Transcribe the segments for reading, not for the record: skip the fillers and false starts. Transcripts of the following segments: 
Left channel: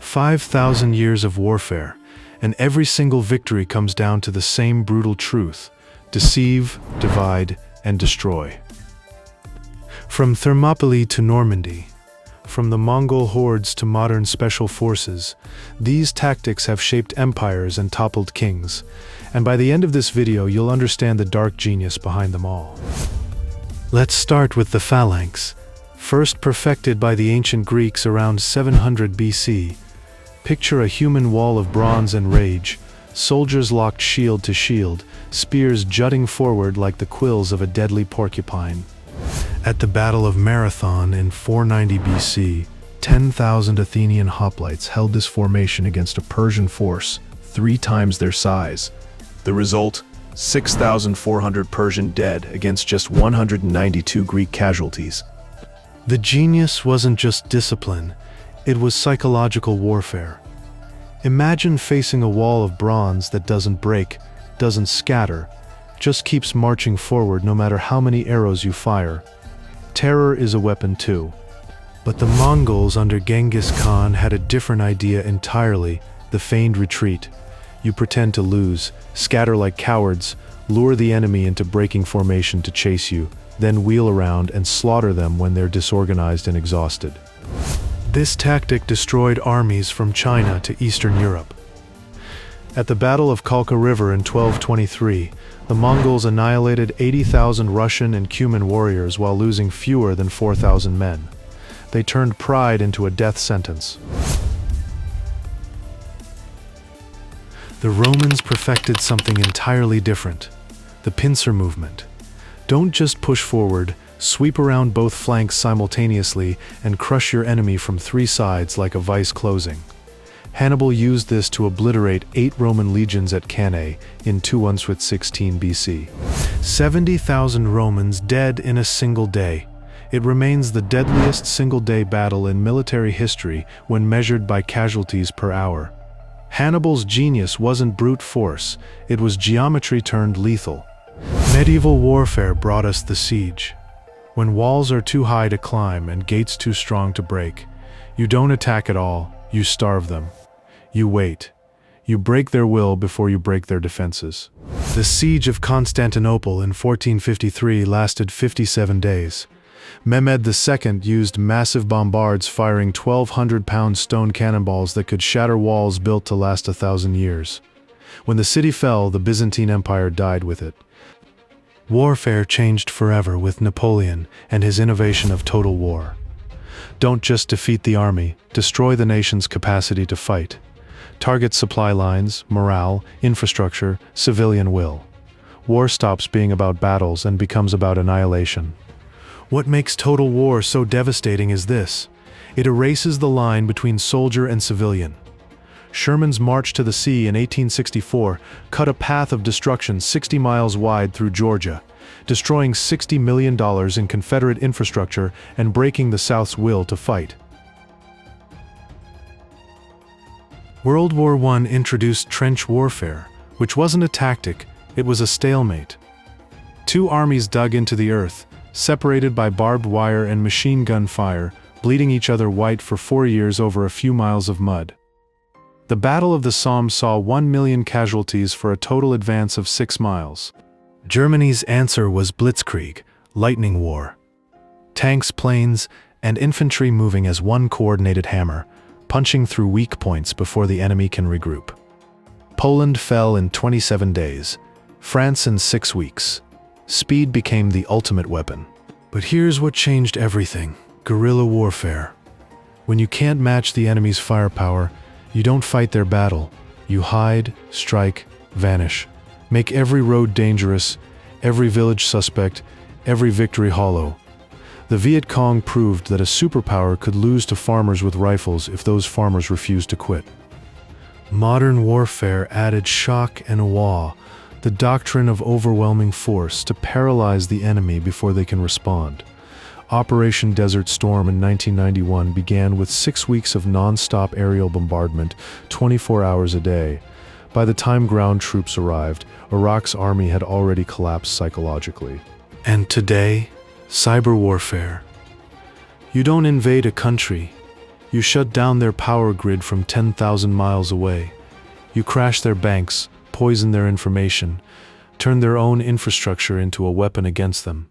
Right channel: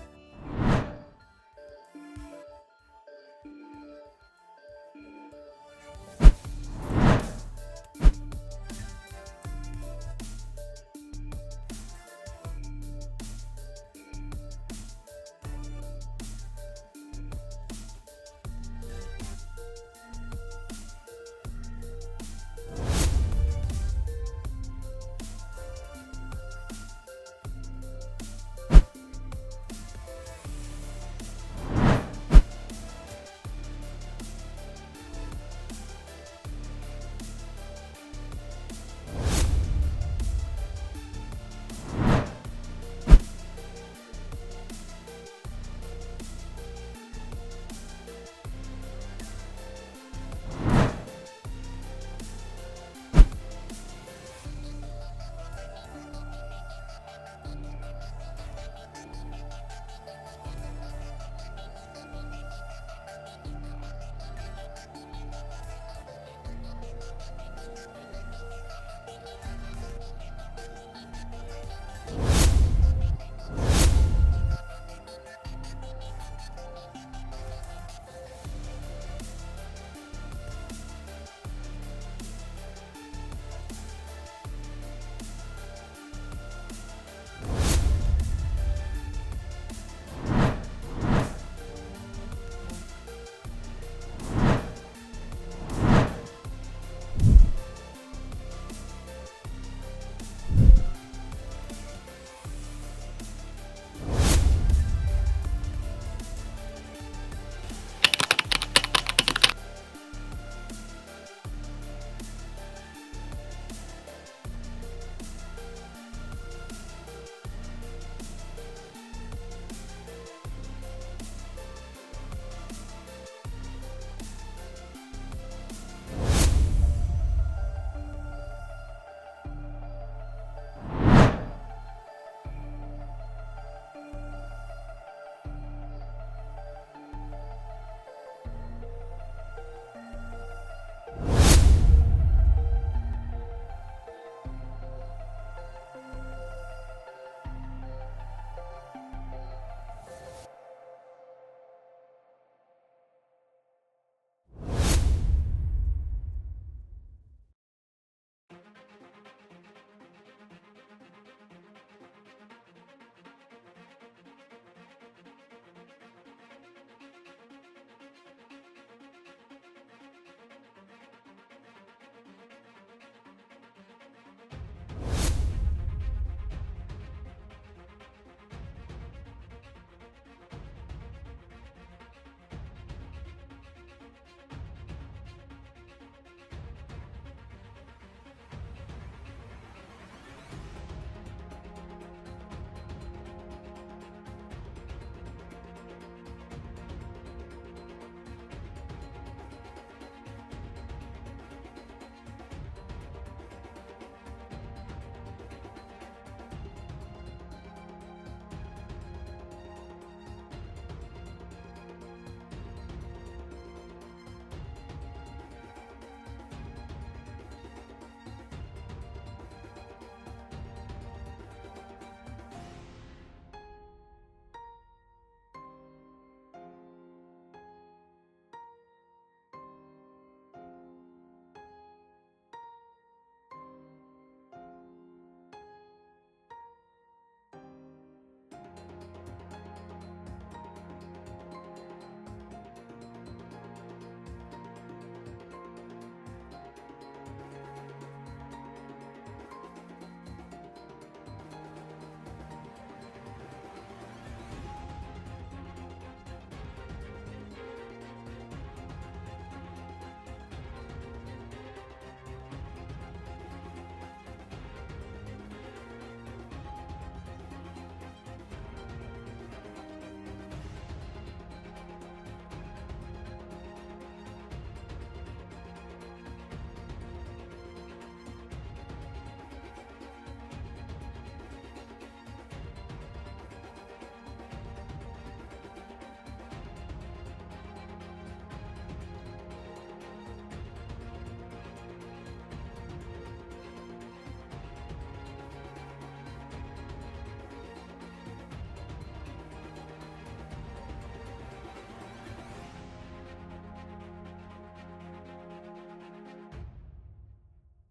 5,000 years of warfare, and every single victory comes down to the same brutal truth: deceive, divide, and destroy. From Thermopylae to Normandy, from the Mongol hordes to modern special forces, these tactics have shaped empires and toppled kings. And by the end of this video, you'll understand the dark genius behind them all. Let's start with the Phalanx, first perfected by the ancient Greeks around 700 BC. Picture a human wall of bronze and rage, soldiers locked shield to shield, spears jutting forward like the quills of a deadly porcupine. At the Battle of Marathon in 490 BC, 10,000 Athenian hoplites held this formation against a Persian force 3 times their size. The result? 6,400 Persian dead against just 192 Greek casualties. The genius wasn't just discipline, it was psychological warfare. Imagine facing a wall of bronze that doesn't break, doesn't scatter, just keeps marching forward no matter how many arrows you fire. Terror is a weapon too. But the Mongols under Genghis Khan had a different idea entirely: the feigned retreat. You pretend to lose, scatter like cowards, lure the enemy into breaking formation to chase you, then wheel around and slaughter them when they're disorganized and exhausted. This tactic destroyed armies from China to Eastern Europe. At the Battle of Kalka River in 1223, the Mongols annihilated 80,000 Russian and Cuman warriors while losing fewer than 4,000 men. They turned pride into a death sentence. The Romans perfected something entirely different: the pincer movement. Don't just push forward, sweep around both flanks simultaneously and crush your enemy from 3 sides like a vice closing. Hannibal used this to obliterate 8 Roman legions at Cannae in 216 BC. 70,000 Romans dead in a single day. It remains the deadliest single-day battle in military history when measured by casualties per hour. Hannibal's genius wasn't brute force, it was geometry turned lethal. Medieval warfare brought us the siege. When walls are too high to climb and gates too strong to break, you don't attack at all, you starve them. You wait. You break their will before you break their defenses. The Siege of Constantinople in 1453 lasted 57 days. Mehmed II used massive bombards firing 1,200-pound stone cannonballs that could shatter walls built to last 1,000 years. When the city fell, the Byzantine Empire died with it. Warfare changed forever with Napoleon and his innovation of total war. Don't just defeat the army, destroy the nation's capacity to fight. Target supply lines, morale, infrastructure, civilian will. War stops being about battles and becomes about annihilation. What makes total war so devastating is this: it erases the line between soldier and civilian. Sherman's march to the sea in 1864 cut a path of destruction 60 miles wide through Georgia, destroying $60 million in Confederate infrastructure and breaking the South's will to fight. World War I introduced trench warfare, which wasn't a tactic, it was a stalemate. 2 armies dug into the earth, separated by barbed wire and machine gun fire, bleeding each other white for 4 years over a few miles of mud. The Battle of the Somme saw 1 million casualties for a total advance of 6 miles. Germany's answer was Blitzkrieg, lightning war. Tanks, planes, and infantry moving as one coordinated hammer, punching through weak points before the enemy can regroup. Poland fell in 27 days, France in 6 weeks. Speed became the ultimate weapon. But here's what changed everything: guerrilla warfare. When you can't match the enemy's firepower, you don't fight their battle. You hide, strike, vanish. Make every road dangerous, every village suspect, every victory hollow. The Viet Cong proved that a superpower could lose to farmers with rifles if those farmers refused to quit. Modern warfare added shock and awe, the doctrine of overwhelming force, to paralyze the enemy before they can respond. Operation Desert Storm in 1991 began with 6 weeks of non-stop aerial bombardment, 24 hours a day. By the time ground troops arrived, Iraq's army had already collapsed psychologically. And today, cyber warfare. You don't invade a country, You shut down their power grid from 10,000 miles away. You crash their banks, poison their information, turn their own infrastructure into a weapon against them.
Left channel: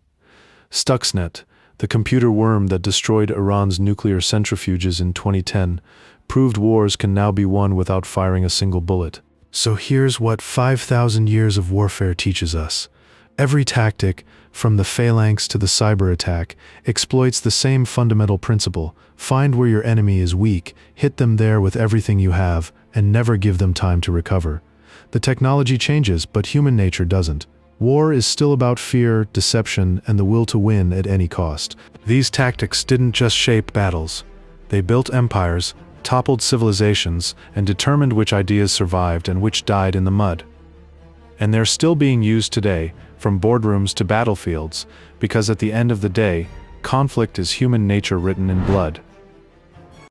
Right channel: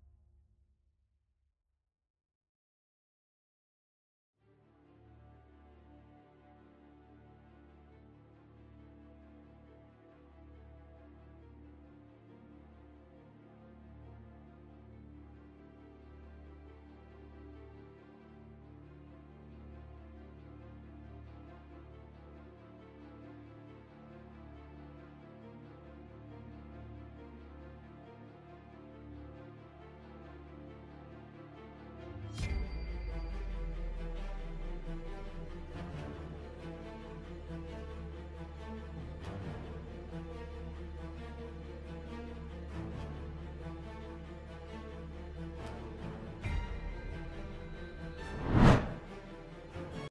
Stuxnet, the computer worm that destroyed Iran's nuclear centrifuges in 2010, proved wars can now be won without firing a single bullet. So here's what 5,000 years of warfare teaches us. Every tactic, from the Phalanx to the cyber attack, exploits the same fundamental principle: find where your enemy is weak, hit them there with everything you have, and never give them time to recover. The technology changes, but human nature doesn't. War is still about fear, deception, and the will to win at any cost. These tactics didn't just shape battles. They built empires, toppled civilizations, and determined which ideas survived and which died in the mud. And they're still being used today, from boardrooms to battlefields, because at the end of the day, conflict is human nature written in blood.